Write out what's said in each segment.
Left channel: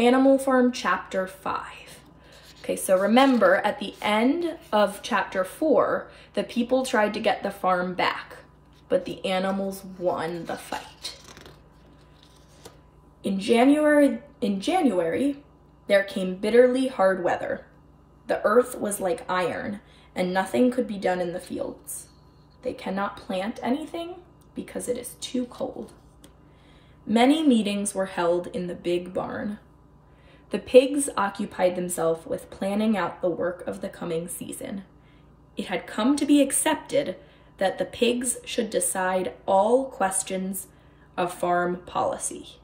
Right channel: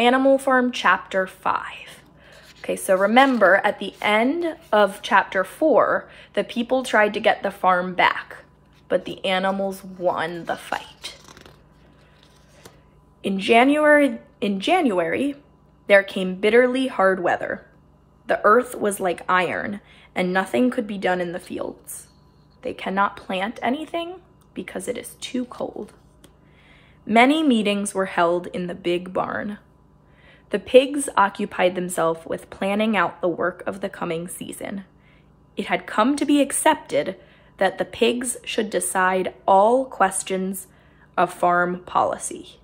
Animal Farm Chapter 5. Okay, so remember at the end of Chapter 4, the people tried to get the farm back, but the animals won the fight. In January, there came bitterly hard weather. The earth was like iron, and nothing could be done in the fields. They cannot plant anything because it is too cold. Many meetings were held in the big barn. The pigs occupied themselves with planning out the work of the coming season. It had come to be accepted that the pigs should decide all questions of farm policy.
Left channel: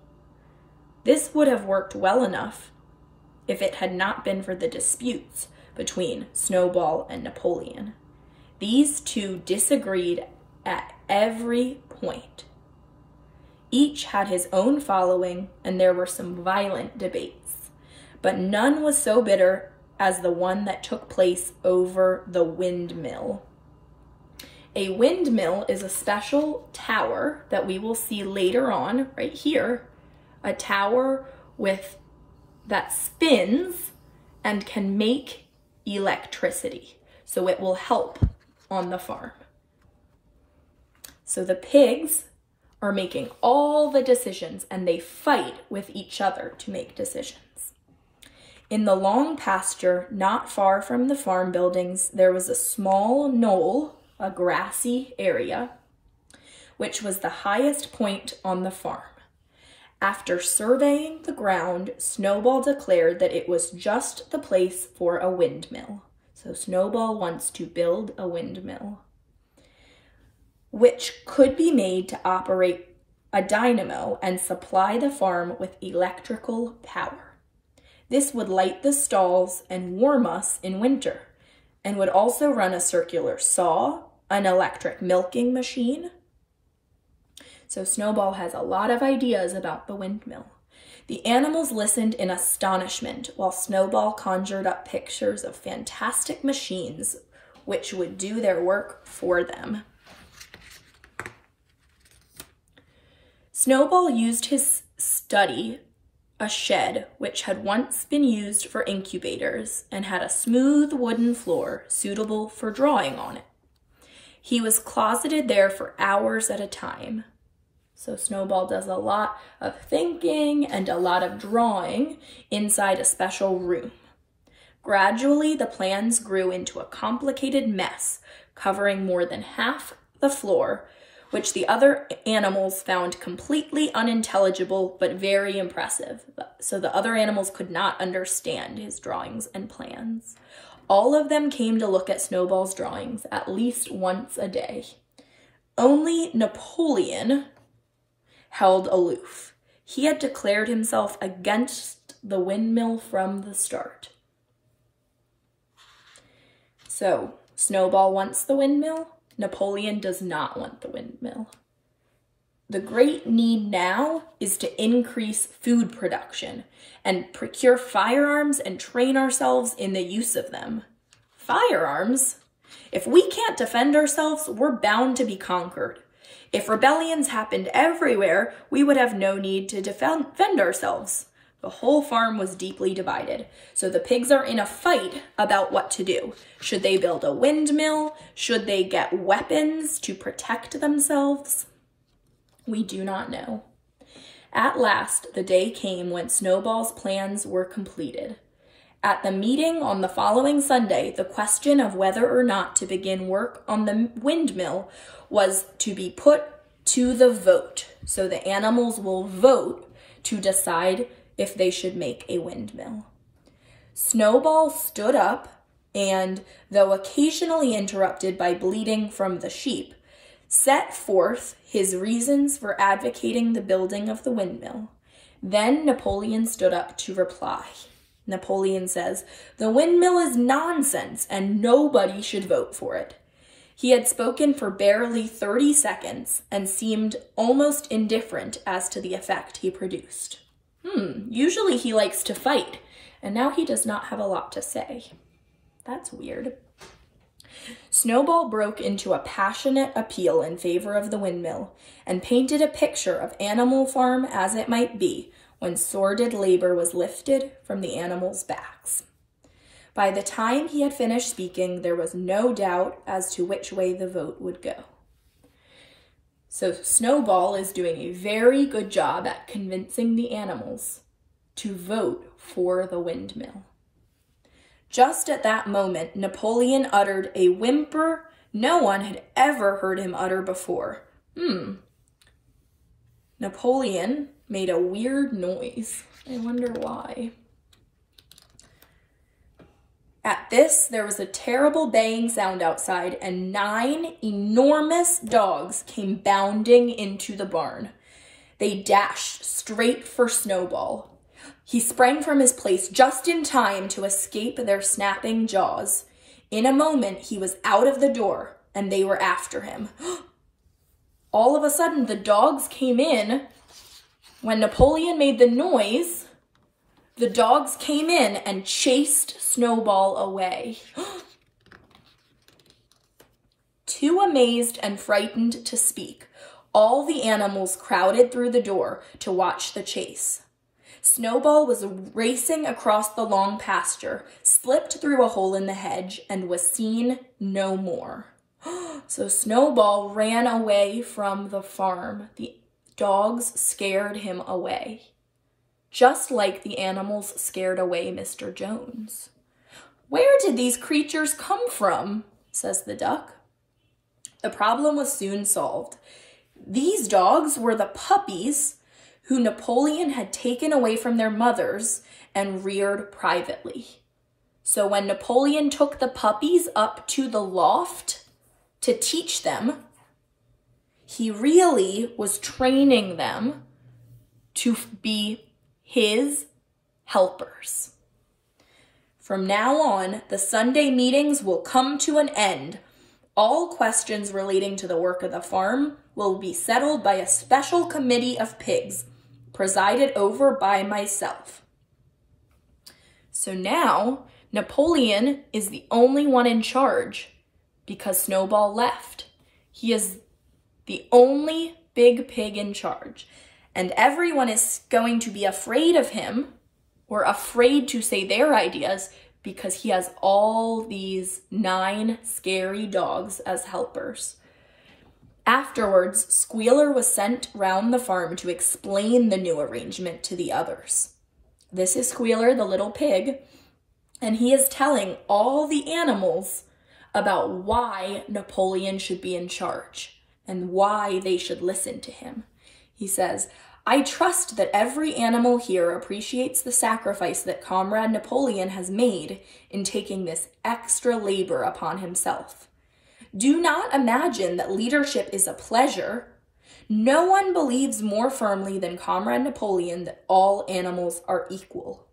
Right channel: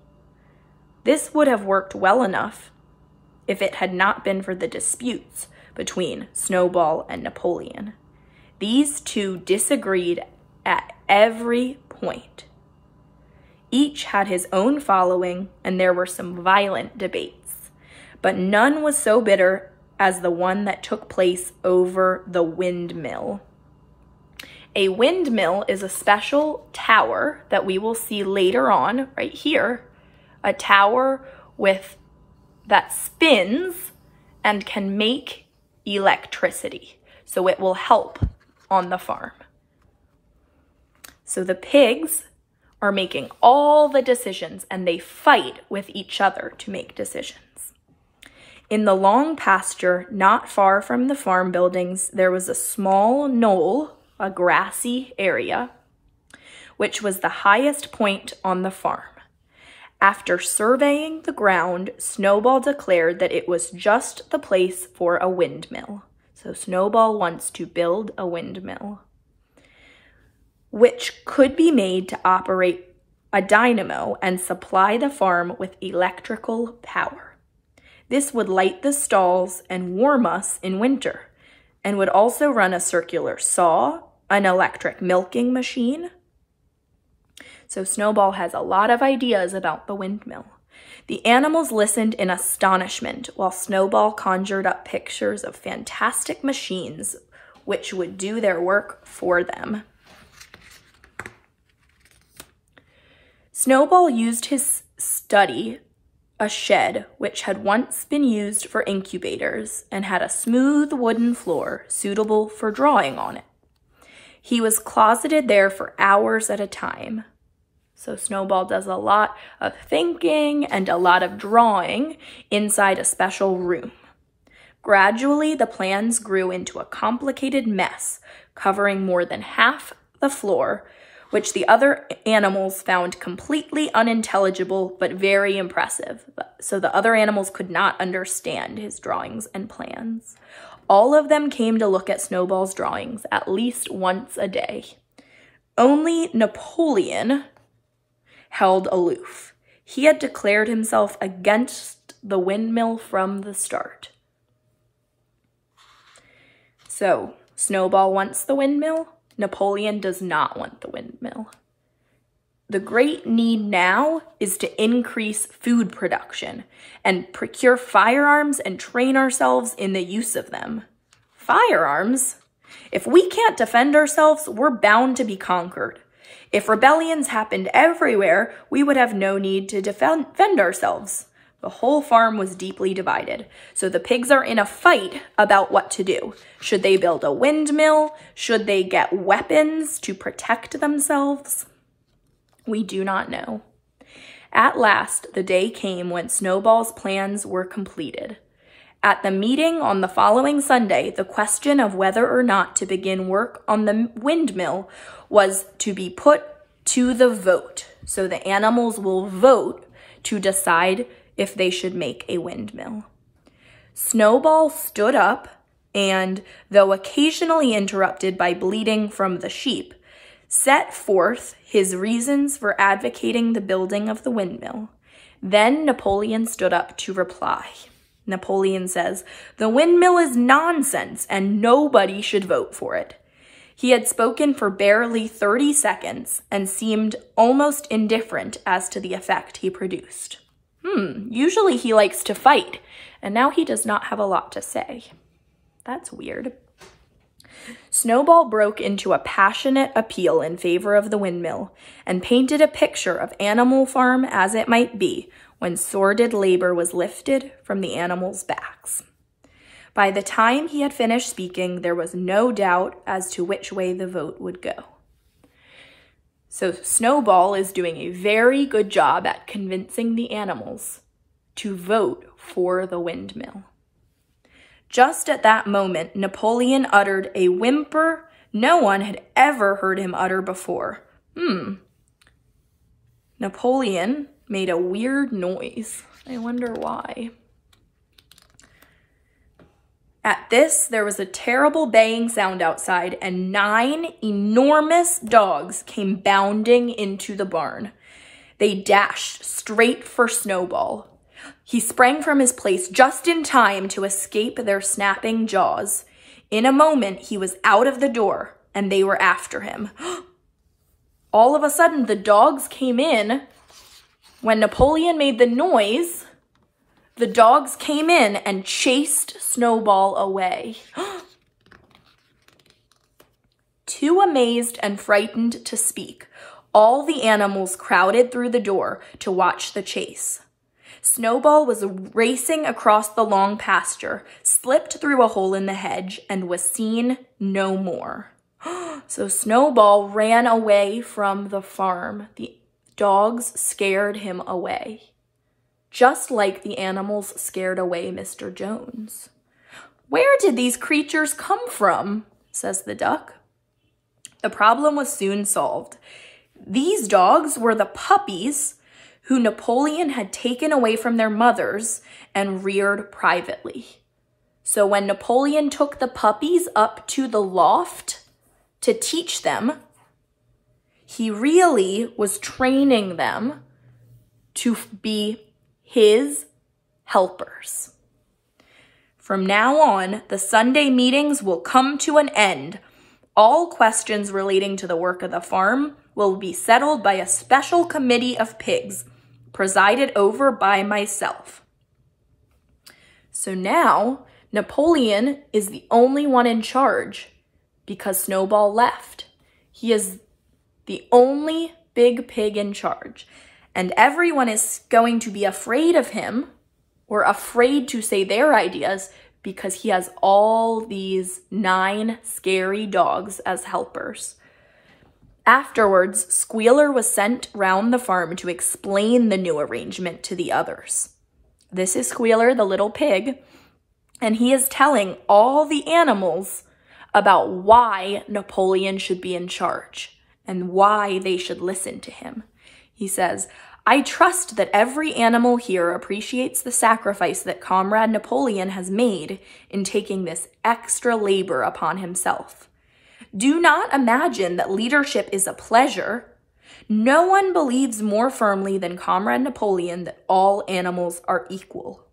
This would have worked well enough if it had not been for the disputes between Snowball and Napoleon. These two disagreed at every point. Each had his own following, and there were some violent debates, but none was so bitter as the one that took place over the windmill. A windmill is a special tower that we will see later on, right here, a tower that spins and can make electricity. So it will help on the farm. So the pigs are making all the decisions, and they fight with each other to make decisions. In the long pasture, not far from the farm buildings, there was a small knoll, a grassy area, which was the highest point on the farm. After surveying the ground, Snowball declared that it was just the place for a windmill. So Snowball wants to build a windmill, which could be made to operate a dynamo and supply the farm with electrical power. This would light the stalls and warm us in winter, and would also run a circular saw, an electric milking machine. So Snowball has a lot of ideas about the windmill. The animals listened in astonishment while Snowball conjured up pictures of fantastic machines which would do their work for them. Snowball used his study, a shed which had once been used for incubators and had a smooth wooden floor suitable for drawing on it. He was closeted there for hours at a time. So Snowball does a lot of thinking and a lot of drawing inside a special room. Gradually, the plans grew into a complicated mess, covering more than half the floor, which the other animals found completely unintelligible but very impressive. So the other animals could not understand his drawings and plans. All of them came to look at Snowball's drawings at least once a day. Only Napoleon held aloof. He had declared himself against the windmill from the start. So, Snowball wants the windmill. Napoleon does not want the windmill. The great need now is to increase food production and procure firearms and train ourselves in the use of them. Firearms? If we can't defend ourselves, we're bound to be conquered. If rebellions happened everywhere, we would have no need to defend ourselves. The whole farm was deeply divided. So the pigs are in a fight about what to do. Should they build a windmill? Should they get weapons to protect themselves? We do not know. At last, the day came when Snowball's plans were completed. At the meeting on the following Sunday, the question of whether or not to begin work on the windmill was to be put to the vote. So the animals will vote to decide if they should make a windmill. Snowball stood up and, though occasionally interrupted by bleating from the sheep, set forth his reasons for advocating the building of the windmill. Then Napoleon stood up to reply. Napoleon says, "The windmill is nonsense and nobody should vote for it." He had spoken for barely 30 seconds and seemed almost indifferent as to the effect he produced. Usually he likes to fight, and now he does not have a lot to say. That's weird. Snowball broke into a passionate appeal in favor of the windmill and painted a picture of Animal Farm as it might be, when sordid labor was lifted from the animals' backs. By the time he had finished speaking, there was no doubt as to which way the vote would go. So Snowball is doing a very good job at convincing the animals to vote for the windmill. Just at that moment, Napoleon uttered a whimper no one had ever heard him utter before. Napoleon made a weird noise. I wonder why. At this, there was a terrible baying sound outside, and 9 enormous dogs came bounding into the barn. They dashed straight for Snowball. He sprang from his place just in time to escape their snapping jaws. In a moment, he was out of the door, and they were after him. All of a sudden, the dogs came in. When Napoleon made the noise, the dogs came in and chased Snowball away. Too amazed and frightened to speak, all the animals crowded through the door to watch the chase. Snowball was racing across the long pasture, slipped through a hole in the hedge, and was seen no more. So Snowball ran away from the farm. The dogs scared him away, just like the animals scared away Mr. Jones. "Where did these creatures come from?" says the duck. The problem was soon solved. These dogs were the puppies who Napoleon had taken away from their mothers and reared privately. So when Napoleon took the puppies up to the loft to teach them, he really was training them to be his helpers. From now on, the Sunday meetings will come to an end. All questions relating to the work of the farm will be settled by a special committee of pigs, presided over by myself. So now, Napoleon is the only one in charge because Snowball left. He is the only big pig in charge, and everyone is going to be afraid of him or afraid to say their ideas because he has all these 9 scary dogs as helpers. Afterwards, Squealer was sent round the farm to explain the new arrangement to the others. This is Squealer, the little pig, and he is telling all the animals about why Napoleon should be in charge and why they should listen to him. He says, "I trust that every animal here appreciates the sacrifice that Comrade Napoleon has made in taking this extra labor upon himself. Do not imagine that leadership is a pleasure. No one believes more firmly than Comrade Napoleon that all animals are equal.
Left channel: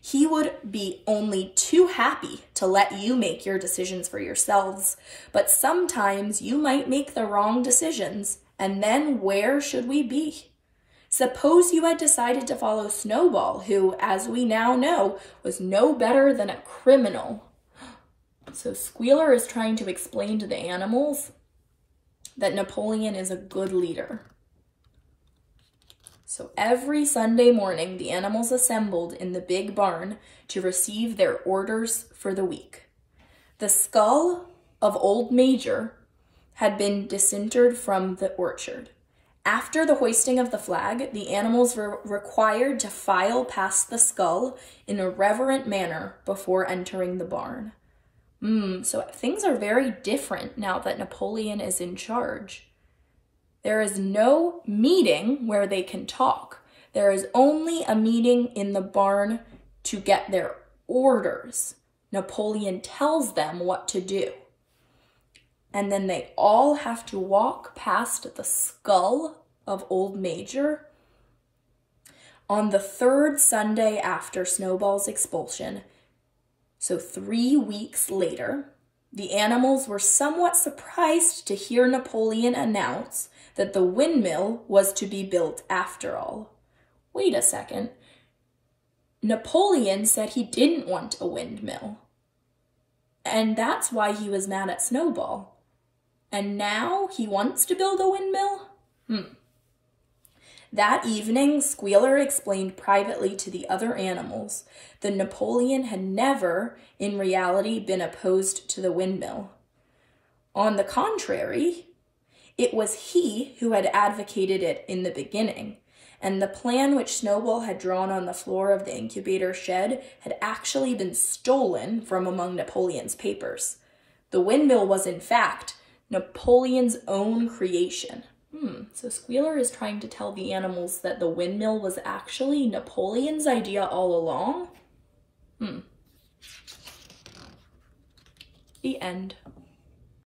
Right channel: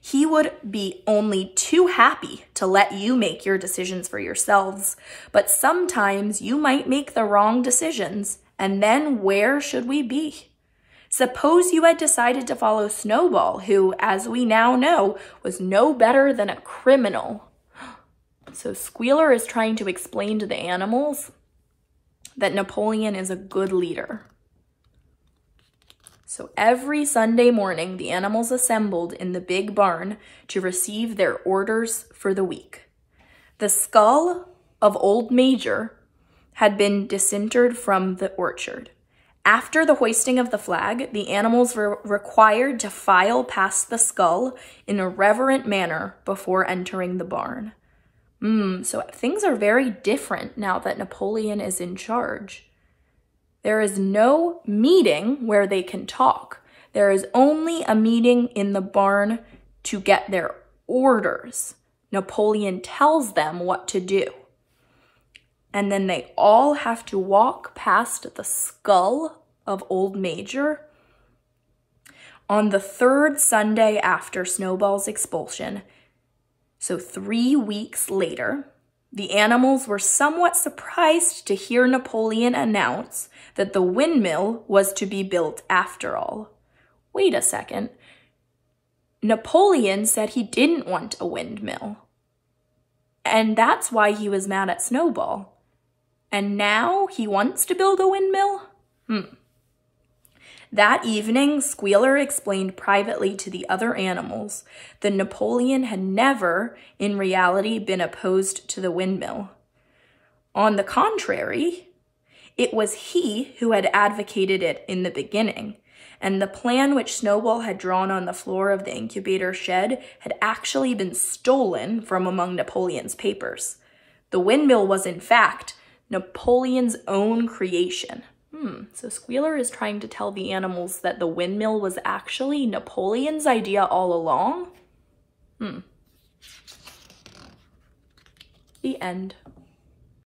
He would be only too happy to let you make your decisions for yourselves, but sometimes you might make the wrong decisions, and then where should we be? Suppose you had decided to follow Snowball, who, as we now know, was no better than a criminal." So Squealer is trying to explain to the animals that Napoleon is a good leader. So every Sunday morning, the animals assembled in the big barn to receive their orders for the week. The skull of Old Major had been disinterred from the orchard. After the hoisting of the flag, the animals were required to file past the skull in a reverent manner before entering the barn. So things are very different now that Napoleon is in charge. There is no meeting where they can talk. There is only a meeting in the barn to get their orders. Napoleon tells them what to do. And then they all have to walk past the skull of Old Major. On the 3rd Sunday after Snowball's expulsion, so 3 weeks later, the animals were somewhat surprised to hear Napoleon announce that the windmill was to be built after all. Wait a second. Napoleon said he didn't want a windmill. And that's why he was mad at Snowball. And now he wants to build a windmill? That evening, Squealer explained privately to the other animals that Napoleon had never, in reality, been opposed to the windmill. On the contrary, it was he who had advocated it in the beginning, and the plan which Snowball had drawn on the floor of the incubator shed had actually been stolen from among Napoleon's papers. The windmill was, in fact, Napoleon's own creation. So Squealer is trying to tell the animals that the windmill was actually Napoleon's idea all along? The end.